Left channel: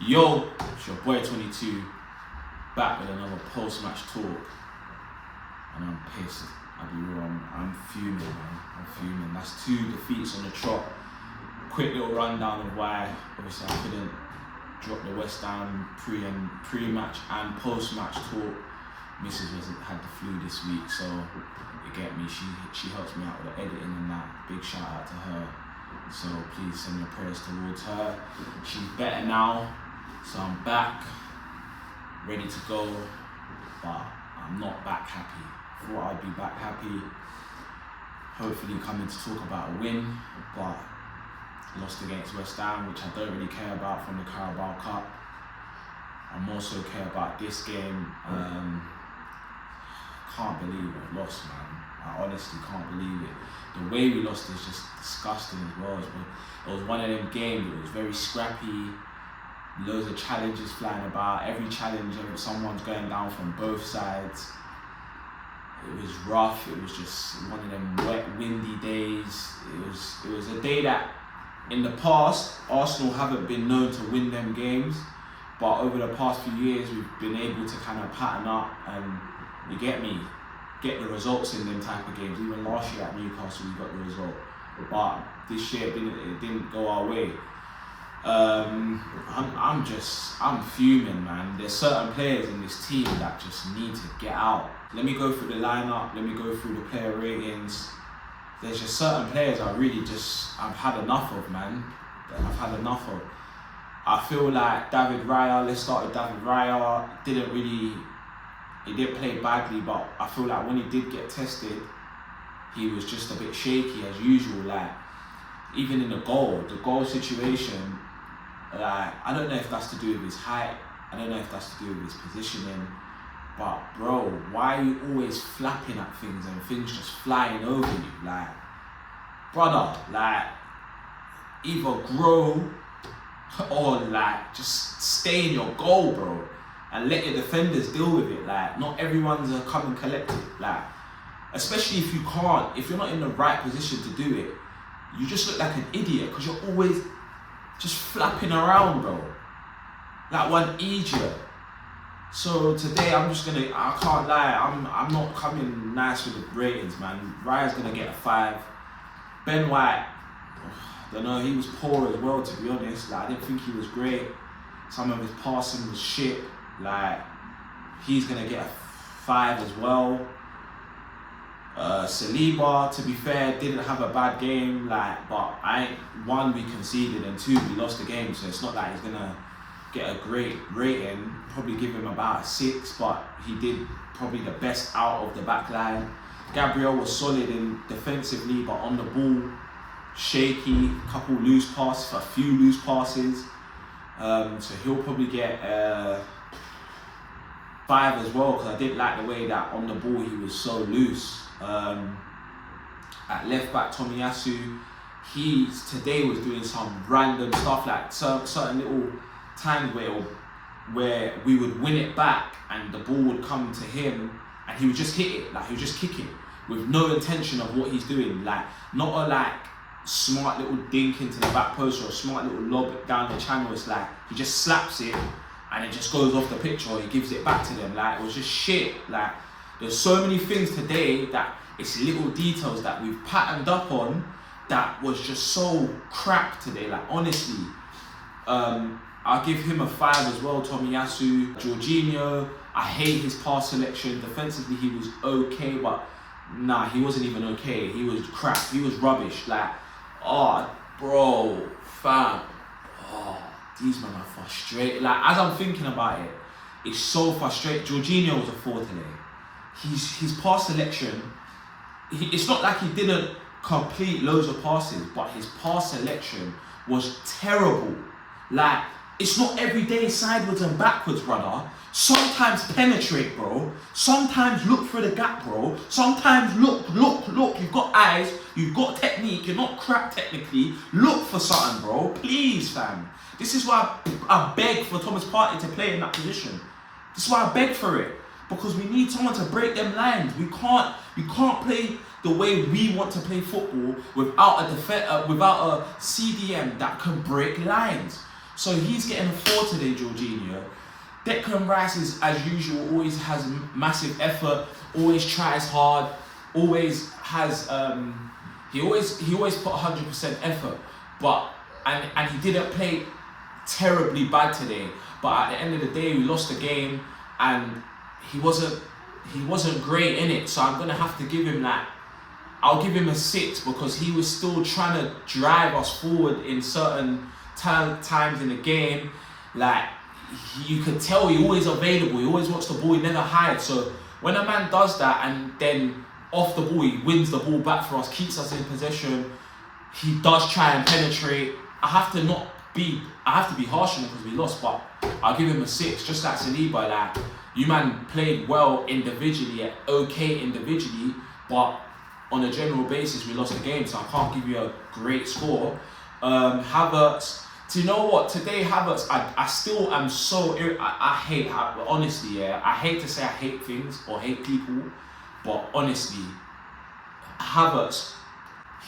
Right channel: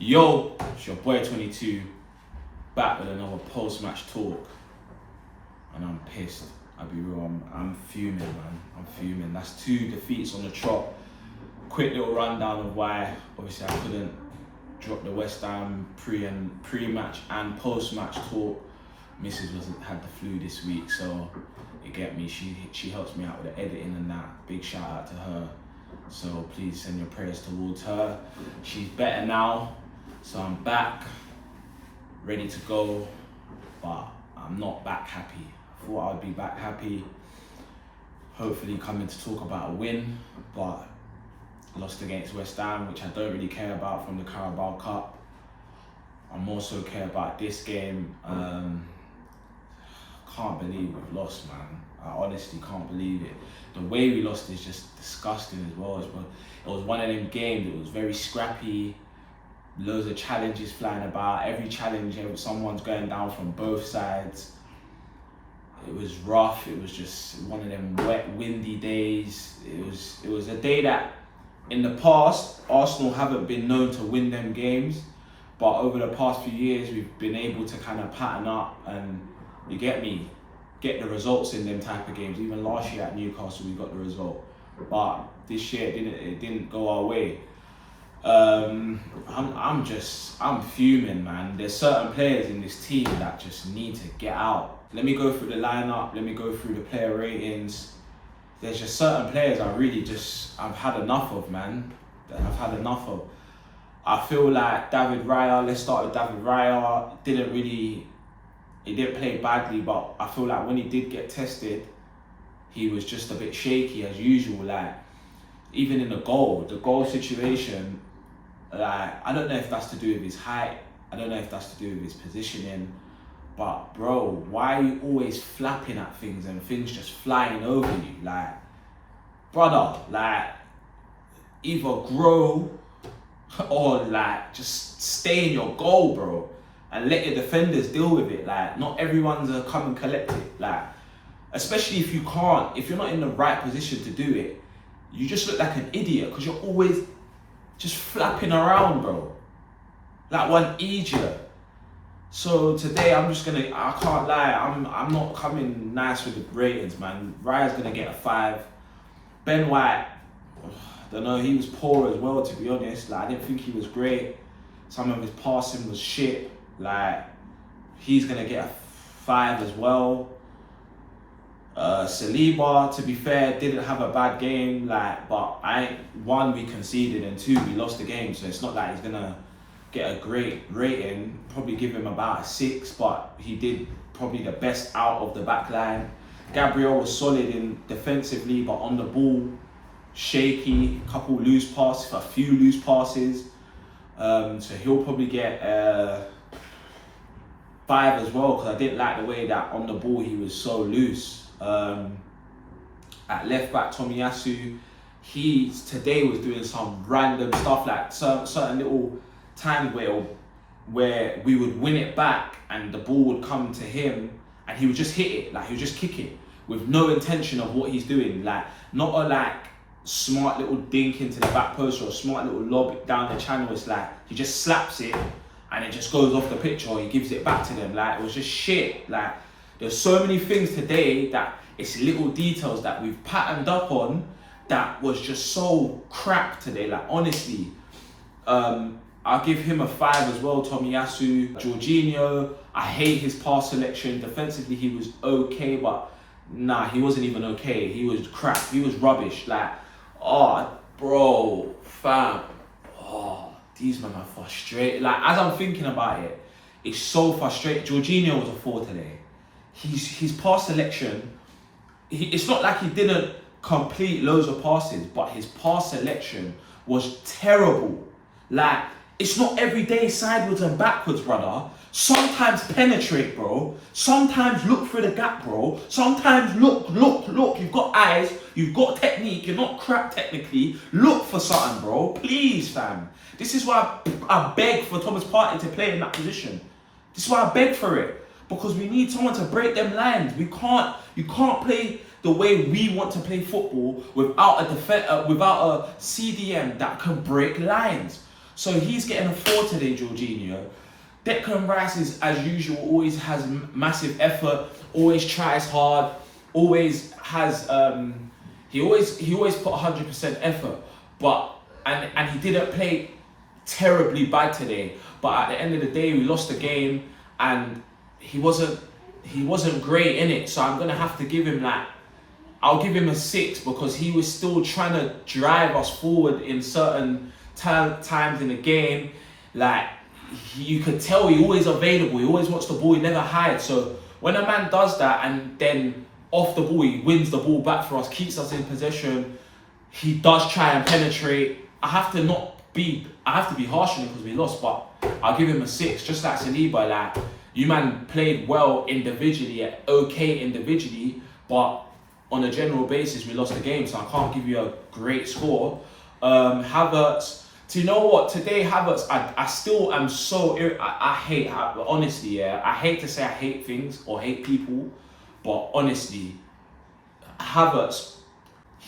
Yo, it's your boy 22, back with another post-match talk, and I'm pissed. I'll be real, I'm fuming, man. I'm fuming. That's 2 defeats on the trot. Quick little rundown of why. Obviously, I couldn't drop the West Ham pre-match and post-match talk. Mrs. had the flu this week, so you get me. She helps me out with the editing and that. Big shout out to her. So please send your prayers towards her. She's better now. So I'm back, ready to go, but I'm not back happy. I thought I'd be back happy, hopefully coming to talk about a win, but lost against West Ham, which I don't really care about from the Carabao Cup. I more so care about this game. Can't believe we've lost, man. I honestly can't believe it. The way we lost is just disgusting as well. It was one of them games, it was very scrappy. Loads of challenges flying about. Every challenge, someone's going down from both sides. It was rough. It was just one of them wet, windy days. It was a day that, in the past, Arsenal haven't been known to win them games, but over the past few years, we've been able to kind of pattern up and, you get me, get the results in them type of games. Even last year at Newcastle, we got the result, but this year it didn't go our way. I'm fuming, man. There's certain players in this team that just need to get out. Let me go through the lineup, let me go through the player ratings. There's just certain players I've had enough of, man. I feel like David Raya, let's start with David Raya, he didn't play badly, but I feel like when he did get tested, he was just a bit shaky as usual. Like, even in the goal situation, like, I don't know if that's to do with his height, I don't know if that's to do with his positioning, but bro, why are you always flapping at things and things just flying over you? Like, brother, like, either grow or like just stay in your goal, bro, and let your defenders deal with it. Like, not everyone's a come and collect it. Like, especially if you're not in the right position to do it, you just look like an idiot because you're always just flapping around, bro, like one idiot. So today I can't lie, I'm not coming nice with the ratings, man. Raya's gonna get a 5. Ben White, I don't know, he was poor as well, to be honest. Like, I didn't think he was great. Some of his passing was shit. Like, he's gonna get a 5 as well. Saliba, to be fair, didn't have a bad game, like, but one, we conceded, and 2, we lost the game, so it's not like he's gonna get a great rating. Probably give him about a 6, but he did probably the best out of the back line. Gabriel was solid defensively, but on the ball, shaky, a few loose passes. So he'll probably get 5 as well, because I didn't like the way that on the ball he was so loose. At left back, Tomiyasu, he today was doing some random stuff, like certain little times where we would win it back and the ball would come to him and he would just hit it, like he would just kick it with no intention of what he's doing, like not a smart little dink into the back post or a smart little lob down the channel. It's like he just slaps it and it just goes off the pitch, or he gives it back to them. Like, it was just shit. Like, there's so many things today that it's little details that we've patterned up on that was just so crap today. Like, honestly, I'll give him a 5 as well. Tomiyasu, Jorginho, I hate his pass selection. Defensively, he was okay, but nah, he wasn't even okay. He was crap. He was rubbish. Like, oh, bro, fam, oh, these men are frustrated. Like, as I'm thinking about it, it's so frustrating. Jorginho was a 4 today. His pass selection, it's not like he didn't complete loads of passes, but his pass selection was terrible. Like, it's not every day sideways and backwards, brother. Sometimes penetrate, bro. Sometimes look through the gap, bro. Sometimes look. You've got eyes, you've got technique, you're not crap technically. Look for something, bro. Please, fam. This is why I beg for Thomas Partey to play in that position. This is why I beg for it. Because we need someone to break them lines. You can't play the way we want to play football without a CDM that can break lines. So he's getting a 4 today, Jorginho. Declan Rice is, as usual, always has massive effort, always tries hard, always has he always put 100% effort, but and he didn't play terribly bad today. But at the end of the day, we lost the game, and he wasn't great in it. So I'm gonna have to give him that. I'll give him a 6 because he was still trying to drive us forward in certain times in the game. Like, you could tell he's always available, he always wants the ball, he never hides. So when a man does that and then off the ball, he wins the ball back for us, keeps us in possession, he does try and penetrate. I have to be harsh on him because we lost, but I'll give him a 6, just like Saliba. Like, you man played well individually, okay individually, but on a general basis, we lost the game, so I can't give you a great score. Havertz, do you know what? Today, Havertz, I still am so I hate, honestly, yeah. I hate to say I hate things or hate people, but honestly, Havertz,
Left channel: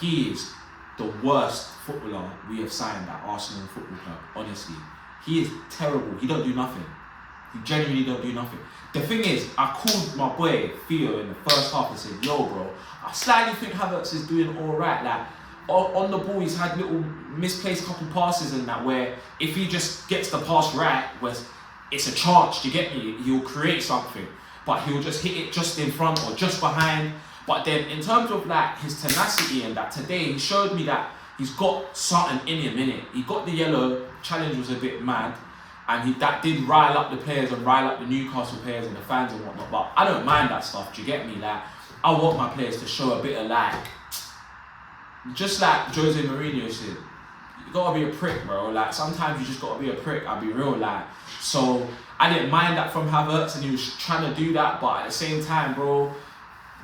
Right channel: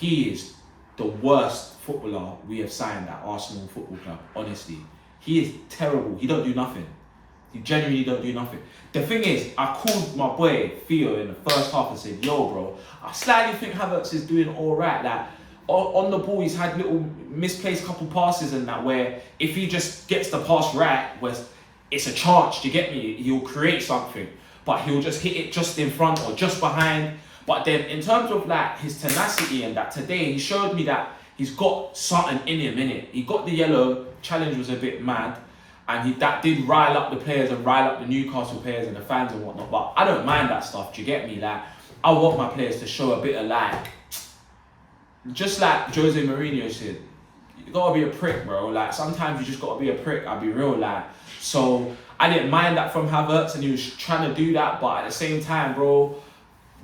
he is the worst footballer we have signed at Arsenal Football Club. Honestly, he is terrible. He don't do nothing. He genuinely don't do nothing. The thing is, I called my boy Theo in the first half and said, "Yo, bro, I slightly think Havertz is doing all right. Like, on the ball, he's had little misplaced couple passes and that, where if he just gets the pass right, where it's a chance, do you get me? He'll create something, but he'll just hit it just in front or just behind. But then in terms of like his tenacity and that, today he showed me that he's got something in him, innit? He got the yellow, challenge was a bit mad, and that did rile up the players and rile up the Newcastle players and the fans and whatnot. But I don't mind that stuff, do you get me? Like, I want my players to show a bit of like, just like Jose Mourinho said, you gotta be a prick, bro. Like, sometimes you just gotta be a prick, I'll be real, like. So I didn't mind that from Havertz, and he was trying to do that, but at the same time, bro,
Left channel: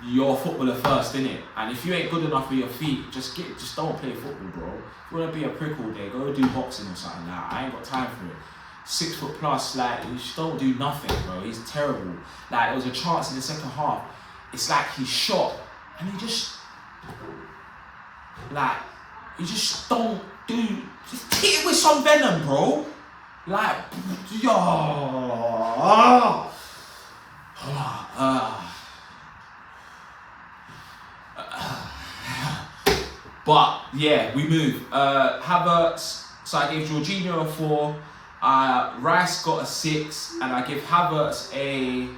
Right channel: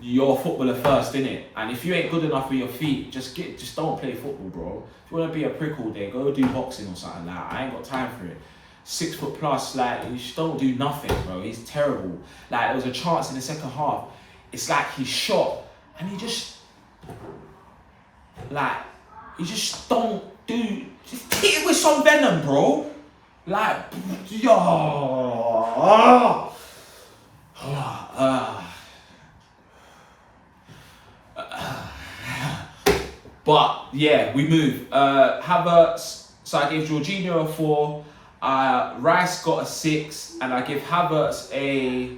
you're a footballer first, innit? And if you ain't good enough with your feet, just don't play football, bro. If you wanna be a prick all day, go do boxing or something. Like, I ain't got time for it. 6 foot plus, like, you just don't do nothing, bro. He's terrible. Like, there was a chance in the second half. It's like he shot and he just, like, you just don't do, just hit it with some venom, bro. Like, yo. But yeah, we move. Havertz, so I gave Jorginho a 4. Rice got a 6, and I give Havertz I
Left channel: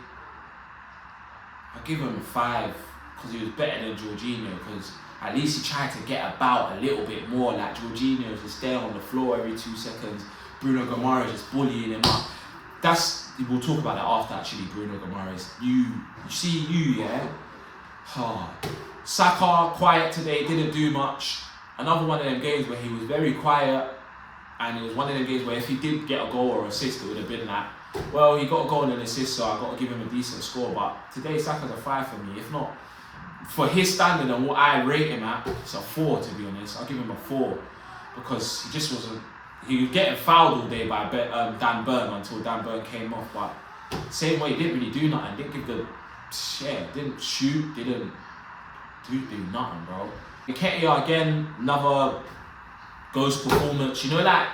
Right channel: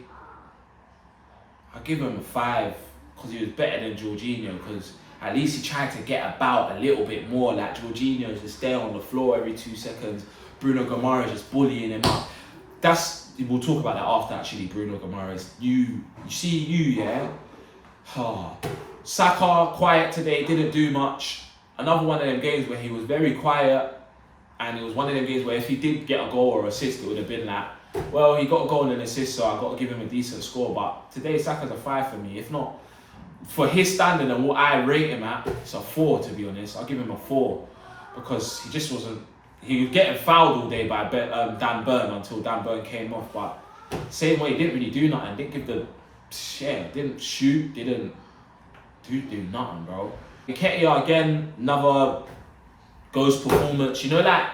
give him a 5 because he was better than Jorginho, because at least he tried to get about a little bit more. Like, Jorginho's just there on the floor every 2 seconds. Bruno Guimaraes just bullying him up. We'll talk about that after, actually, Bruno Guimaraes. You see, yeah? Saka, quiet today, didn't do much. Another one of them games where he was very quiet, and it was one of them games where if he did get a goal or assist, it would have been like, well, he got a goal and an assist, so I got to give him a decent score. But today, Saka's a 5 for me. If not, for his standard and what I rate him at, it's a 4, to be honest. I'll give him a 4 because he just wasn't. He was getting fouled all day by Dan Burn until Dan Burn came off. But same way, he didn't really do nothing. Didn't shoot, didn't do nothing, bro. Nketiah again, another ghost performance. You know, like,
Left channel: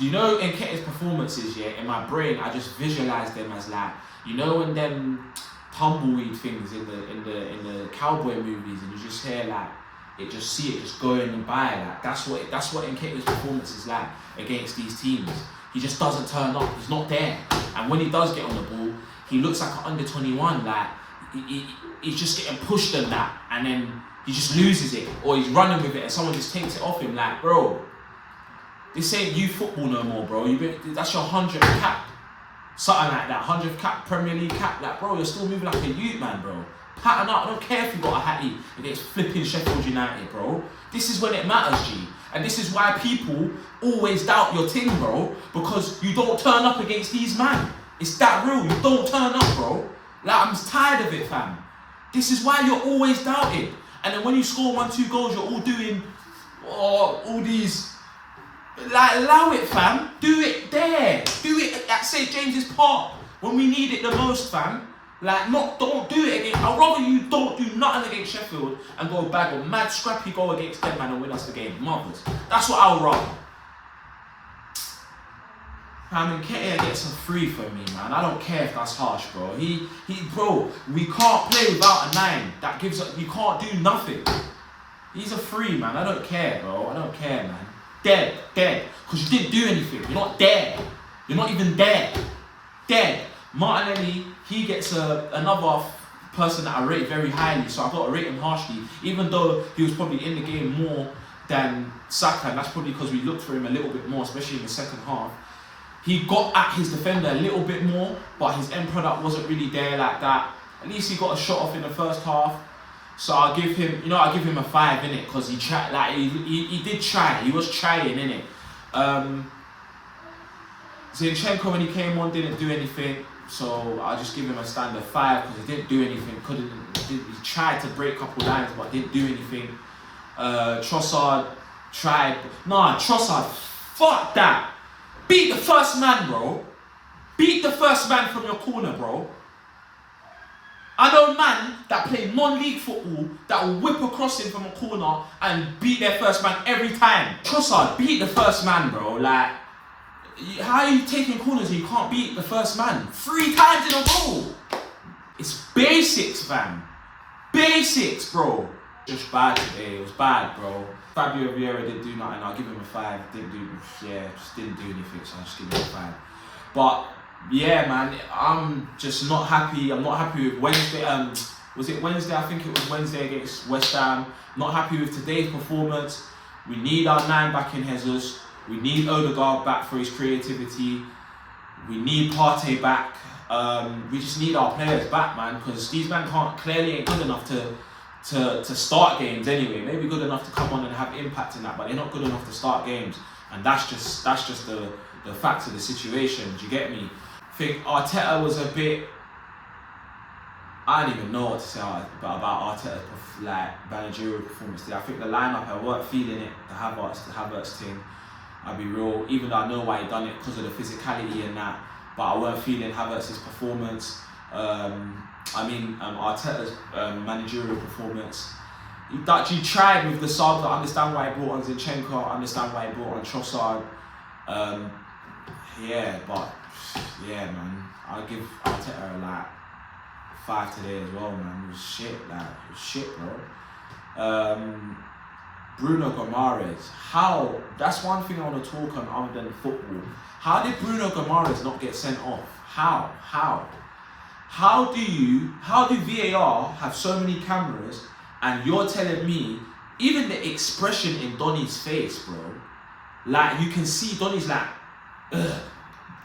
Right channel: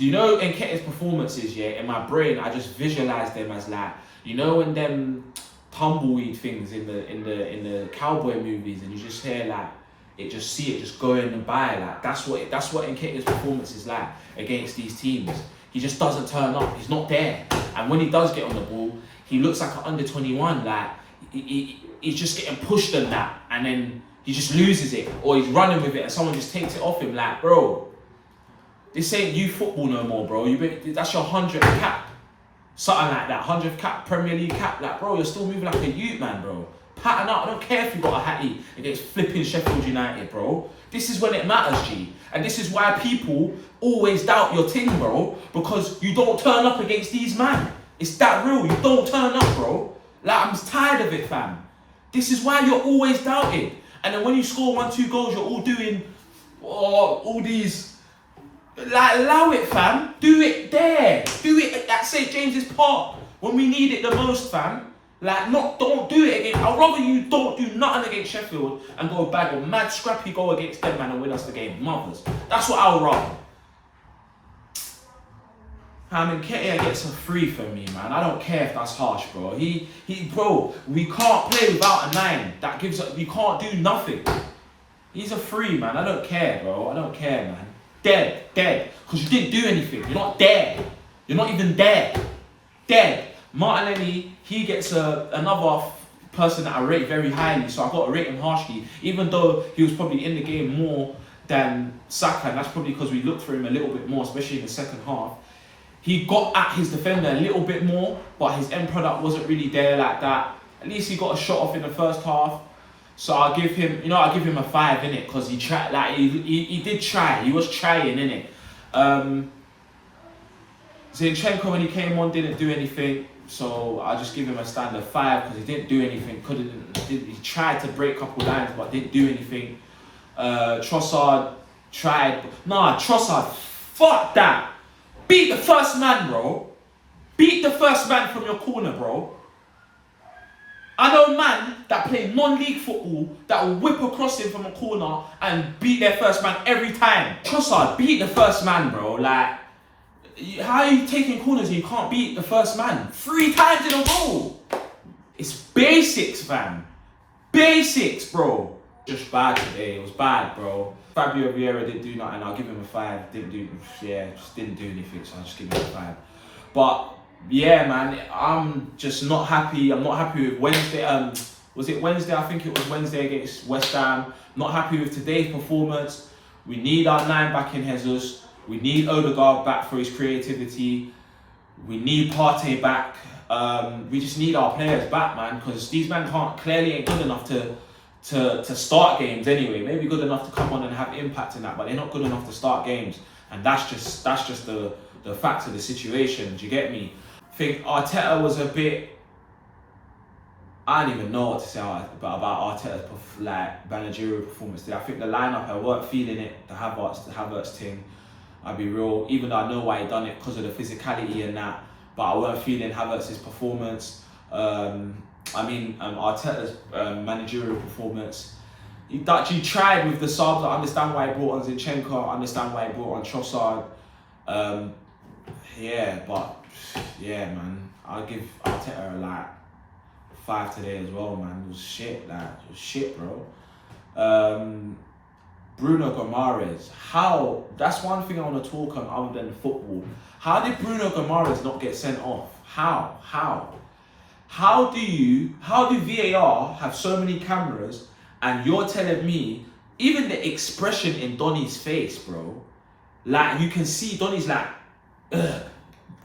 in Nketiah's performances, yeah, in my brain, I just visualize them as like, you know, when them tumbleweed things in the cowboy movies, and you just hear like it just going by. Like, that's what Nketiah's performance is like against these teams. He just doesn't turn up. He's not there. And when he does get on the ball, he looks like an under 21. Like, he's just getting pushed and that, and then he just loses it, or he's running with it and someone just takes it off him. Like, bro, this ain't youth football no more, bro. That's your 100th cap. Something like that, 100th cap, Premier League cap. Like, bro, you're still moving like a youth, man, bro. Pattern up. I don't care if you got a hattie against flipping Sheffield United, bro. This is when it matters, G. And this is why people always doubt your team, bro. Because you don't turn up against these man. It's that real. You don't turn up, bro. Like, I'm tired of it, fam. This is why you're always doubted. And then when you score 1-2 goals, you're all doing all these. Like, allow it, fam. Do it there. Do it at St. James's Park when we need it the most, fam. Like, don't do it again. I'd rather you don't do nothing against Sheffield and go bag a mad scrappy goal against them, man, and win us the game. Mothers. That's what I'll rather. Nketiah gets a free for me, man. I don't care if that's harsh, bro. Bro, we can't play without a 9. That gives up. We can't do nothing. He's a free, man. I don't care, bro. I don't care, man. Dead. Because you didn't do anything. You're not there. You're not even there. Dead. Martinelli, he gets another person that I rate very highly, so I've got to rate him harshly. Even though he was probably in the game more than Saka, and that's probably because we looked for him a little bit more, especially in the second half. He got at his defender a little bit more, but his end product wasn't really there like that. At least he got a shot off in the first half. So I'll give him, I'll give him a 5 innit, because he tried, like he did try. He was trying innit. Zinchenko when he came on didn't do anything, so I'll just give him a standard 5 because he didn't do anything. He tried to break a couple lines but didn't do anything. Trossard tried. Nah, Trossard, fuck that. Beat the first man, bro. Beat the first man from your corner, bro. I know man that play non-league football that will whip across him from a corner and beat their first man every time. Trossard, beat the first man, bro. Like, how are you taking corners and you can't beat the first man 3 times in a row? It's basics, fam. Basics, bro. Just bad today. It was bad, bro. Fabio Vieira didn't do nothing. I'll give him a 5. Just didn't do anything, so I'll just give him a 5. But yeah, man, I'm just not happy. I'm not happy with Wednesday. Was it Wednesday? I think it was Wednesday against West Ham. Not happy with today's performance. We need our 9 back in Jesus. We need Odegaard back for his creativity. We need Partey back. We just need our players back, man, because these men clearly ain't good enough to start games anyway. Maybe good enough to come on and have impact in that, but they're not good enough to start games. And that's just the fact of the situation. Do you get me? I think Arteta was a bit. I don't even know what to say about Arteta's managerial performance today. I think the lineup, I weren't feeling it. The Havertz thing. I'll be real. Even though I know why he done it because of the physicality and that, but I weren't feeling Havertz's performance. Arteta's managerial performance. He tried with the subs. I understand why he brought on Zinchenko. I understand why he brought on Trossard. Yeah, man. I'll give Arteta 5 today as well, man. It was shit, bro. Bruno Guimaraes. That's one thing I want to talk on other than football. How did Bruno Guimaraes not get sent off? How do VAR have so many cameras and you're telling me, even the expression in Donny's face, bro, like you can see Donny's like,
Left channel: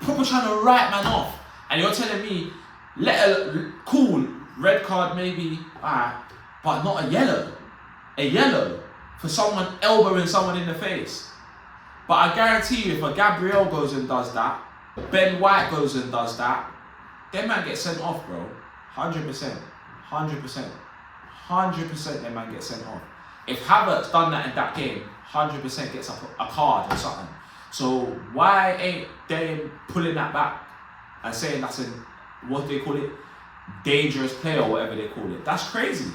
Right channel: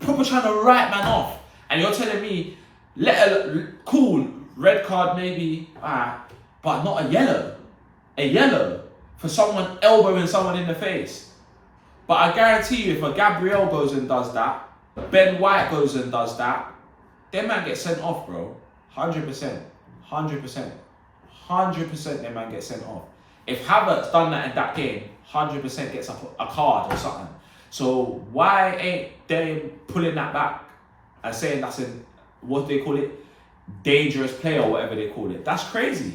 proper trying to write man off, and you're telling me, cool, red card maybe, but not a yellow for someone elbowing someone in the face. But I guarantee you, if a Gabriel goes and does that, Ben White goes and does that, them man get sent off, bro. 100%. 100% them man get sent off. If Havertz done that in that game, 100% gets a card or something. So why ain't they pulling that back and saying that's what they call it, dangerous play or whatever they call it? That's crazy.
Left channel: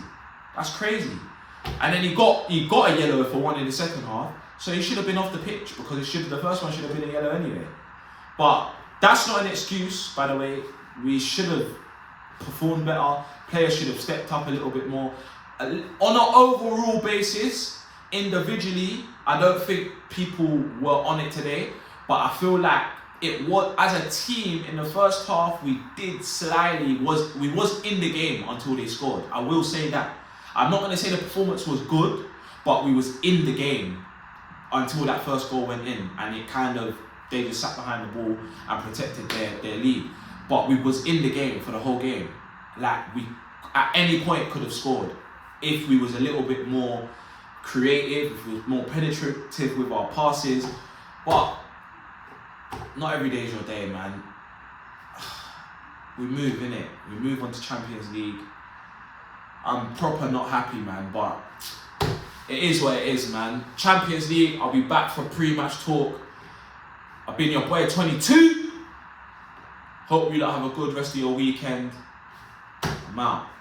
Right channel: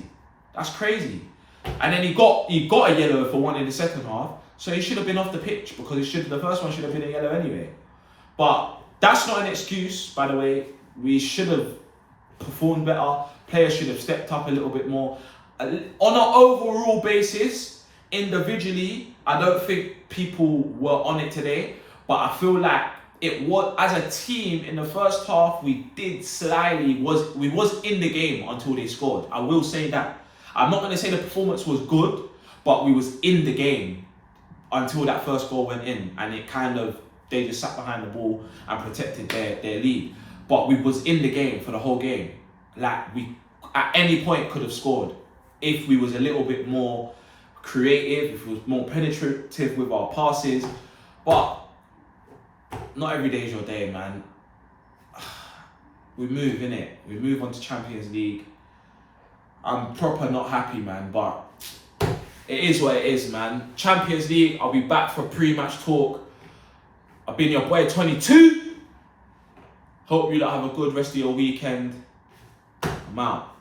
And then he got a yellow for one in the second half, so he should have been off the pitch because the first one should have been a yellow anyway. But that's not an excuse, by the way. We should have performed better. Players should have stepped up a little bit more. On an overall basis, individually, I don't think people were on it today, but I feel like it was, as a team in the first half, we was in the game until they scored. I will say that. I'm not going to say the performance was good, but we was in the game until that first goal went in, and they just sat behind the ball and protected their lead. But we was in the game for the whole game. Like, we at any point could have scored if we was a little bit more creative, if we was more penetrative with our passes. But not every day is your day, man. We move, innit? We move on to Champions League. I'm proper not happy, man, but it is what it is, man. Champions League, I'll be back for pre-match talk. I've been your boy 22. Hope you lot have a good rest of your weekend. I'm out.